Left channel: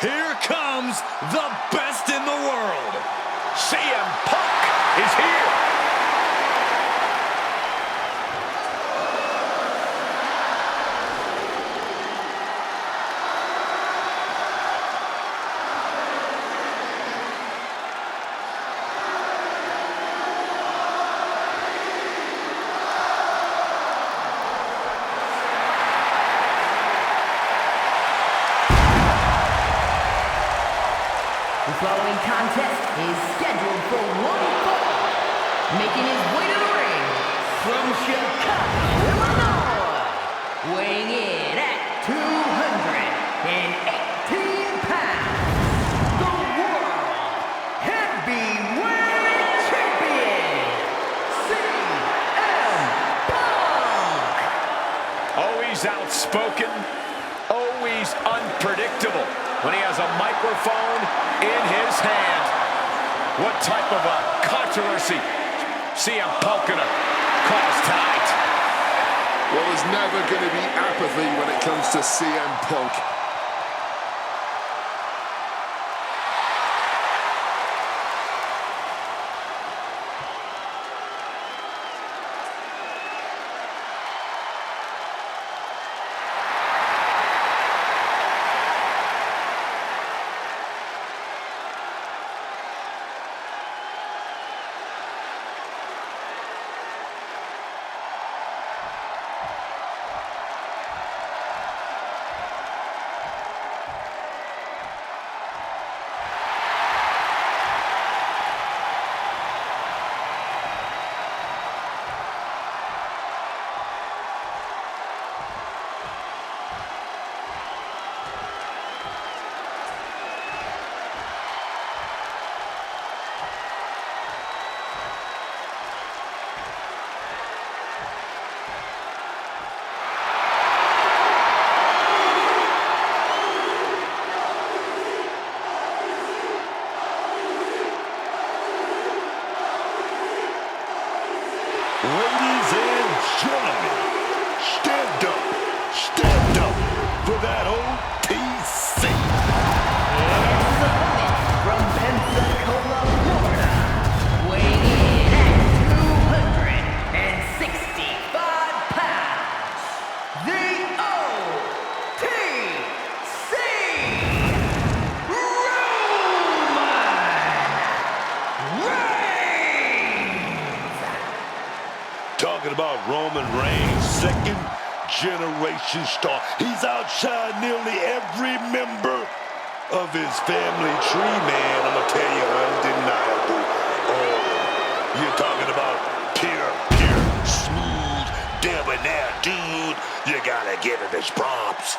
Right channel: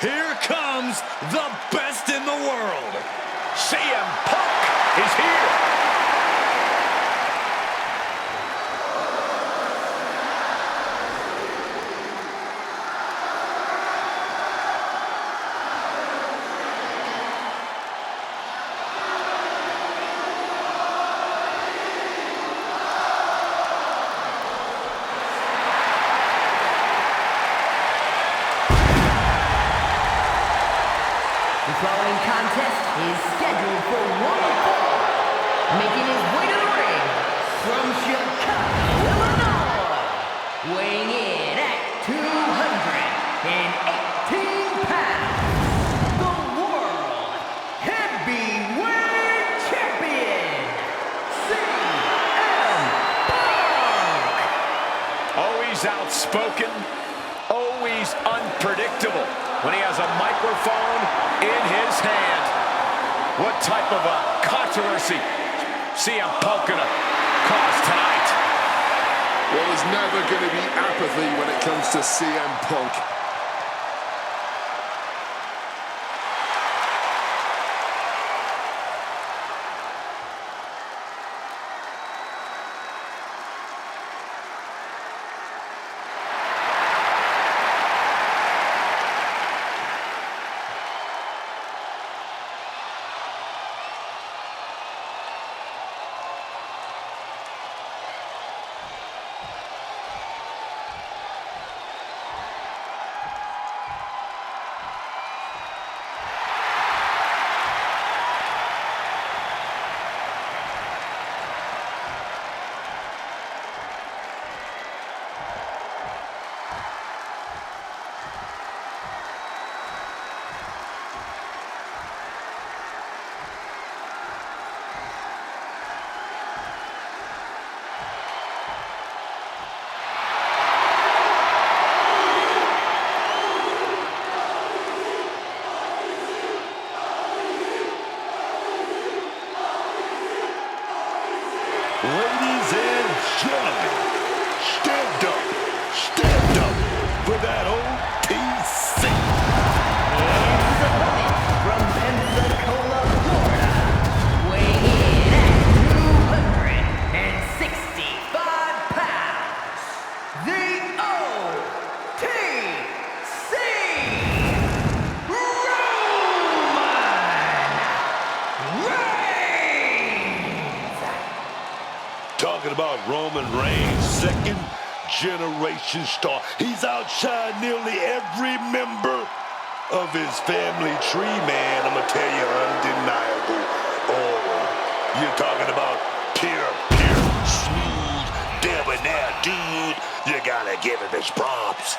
Here comes the best in the world. CM Punk is here. The following contest is scheduled for one fall. Making his way to the ring from Chicago, Illinois. Weighing in at 218 pounds. The World Heavyweight Champion, CM Punk. Always outspoken, always unpredictable when he has a microphone in his hand. What type of a controversy CM Punk gonna cause tonight? Well, there's never going to be apathy when it comes to CM Punk. Ladies and gentlemen, stand up for that OTC. And his opponent from Pensacola, Florida, weighing in at 265 pounds, the OTC, Roman Reigns. Talking about Roman Reigns, second generation star. He's outshined nearly every member of his family tree, man. I'm gonna tell you, undeniable. Oh, you're talking about pure, smooth, debonair dude. You gotta give him his props.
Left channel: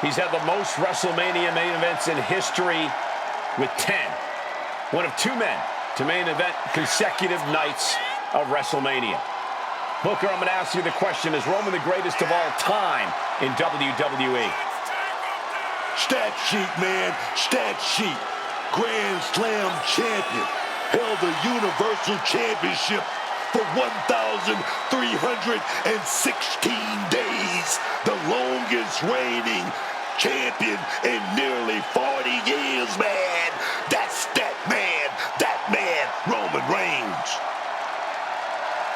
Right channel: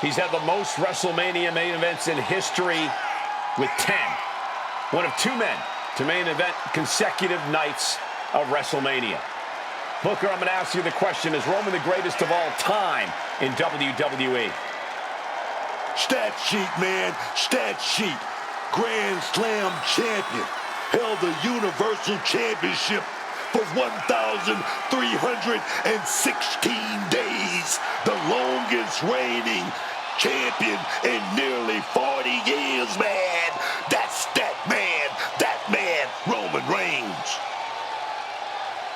He's had the most WrestleMania main events in history with 10. One of two men to main event consecutive nights of WrestleMania. Booker, I'm going to ask you the question, is Roman the greatest of all time in WWE? Stat sheet, man, stat sheet. Grand Slam champion. Held the Universal Championship for 1,316 days. The longest reigning champion in nearly 40 years, man. That's that man, Roman Reigns.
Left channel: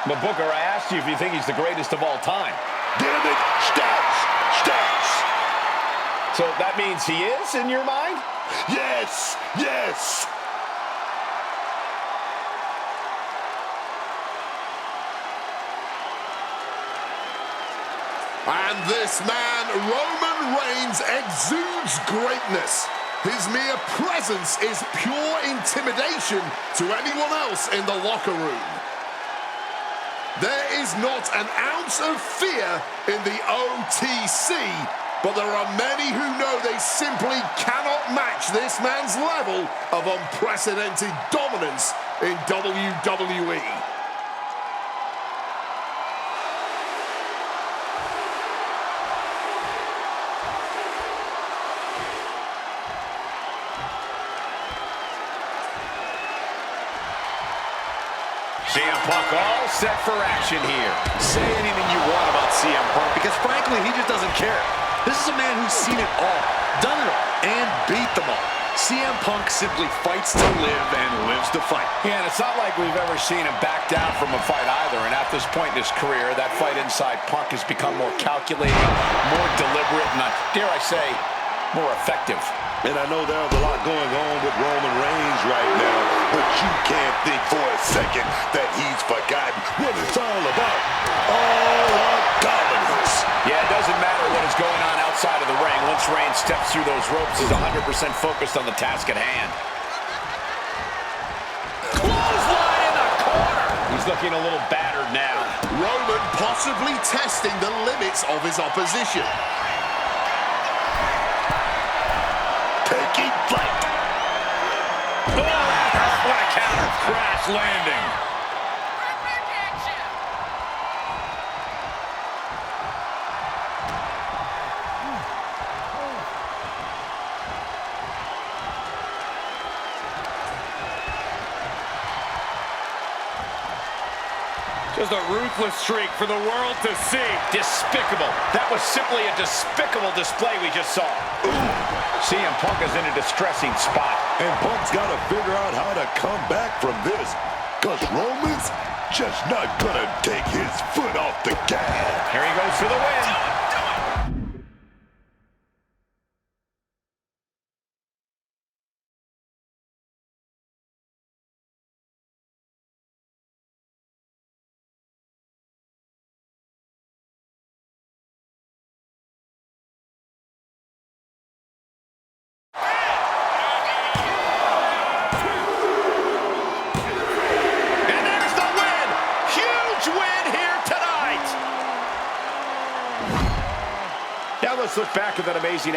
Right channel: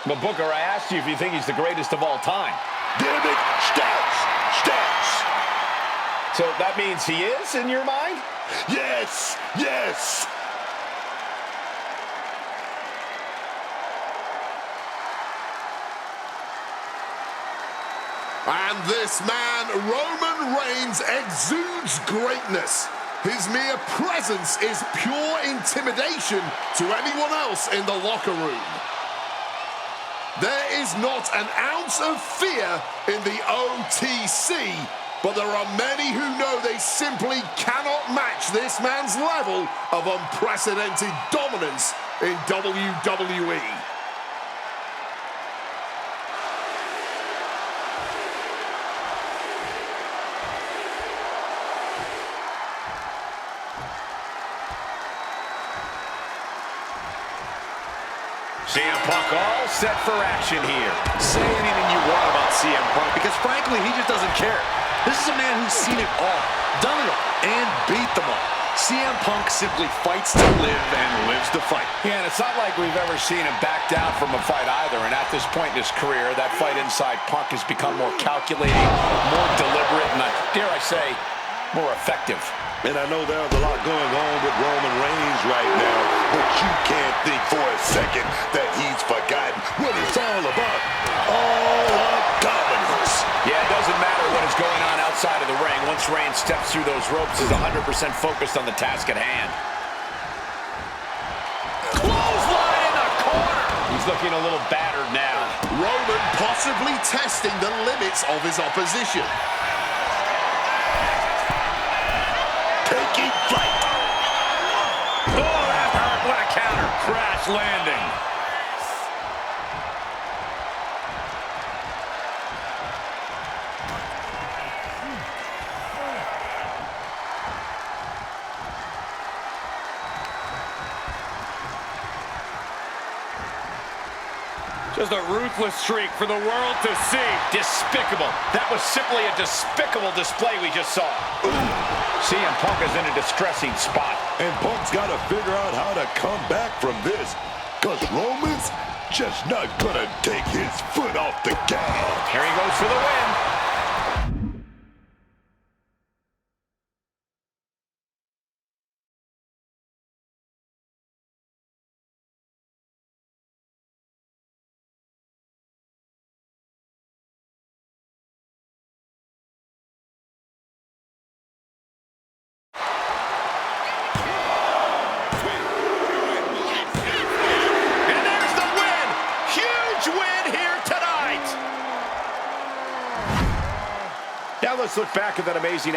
But Booker, I asked you if you think he's the greatest of all time. Damn it, stats. So that means he is, in your mind? Yes. And this man, Roman Reigns, exudes greatness. His mere presence is pure intimidation to anyone else in the locker room. There is not an ounce of fear in the OTC, but there are many who know they simply cannot match this man's level of unprecedented dominance in WWE. CM Punk all set for action here. Say anything you want about CM Punk because, frankly, he just doesn't care. This is a man who's seen it all, done it all, and beat them all. CM Punk simply fights to live and lives to fight. Yeah, and it's not like we've ever seen him back down from a fight either. And at this point in his career, that fight inside Punk has become more calculating, more deliberate, and, dare I say, more effective. And I know there's a lot going on with Roman Reigns right now, but you can't think for a second that he's forgotten what it's all about. All our dominance. Yeah, it doesn't matter what is going on outside of the ring. Once Reigns steps through those ropes, he's 100% focused on the task at hand. Clothesline in the corner. He's looking a little battered now. Roman possibly testing the limits of his opposition. Taking flight. Oh, that hurt. What a counter. Crash landing. Just a ruthless streak for the world to see. Despicable. That was simply a despicable display we just saw. CM Punk is in a distressing spot. And Punk's got to figure out how to come back from this, because Roman's just not going to take his foot off the gas. Here he goes for the win. Win here tonight. Now let's look back at that amazing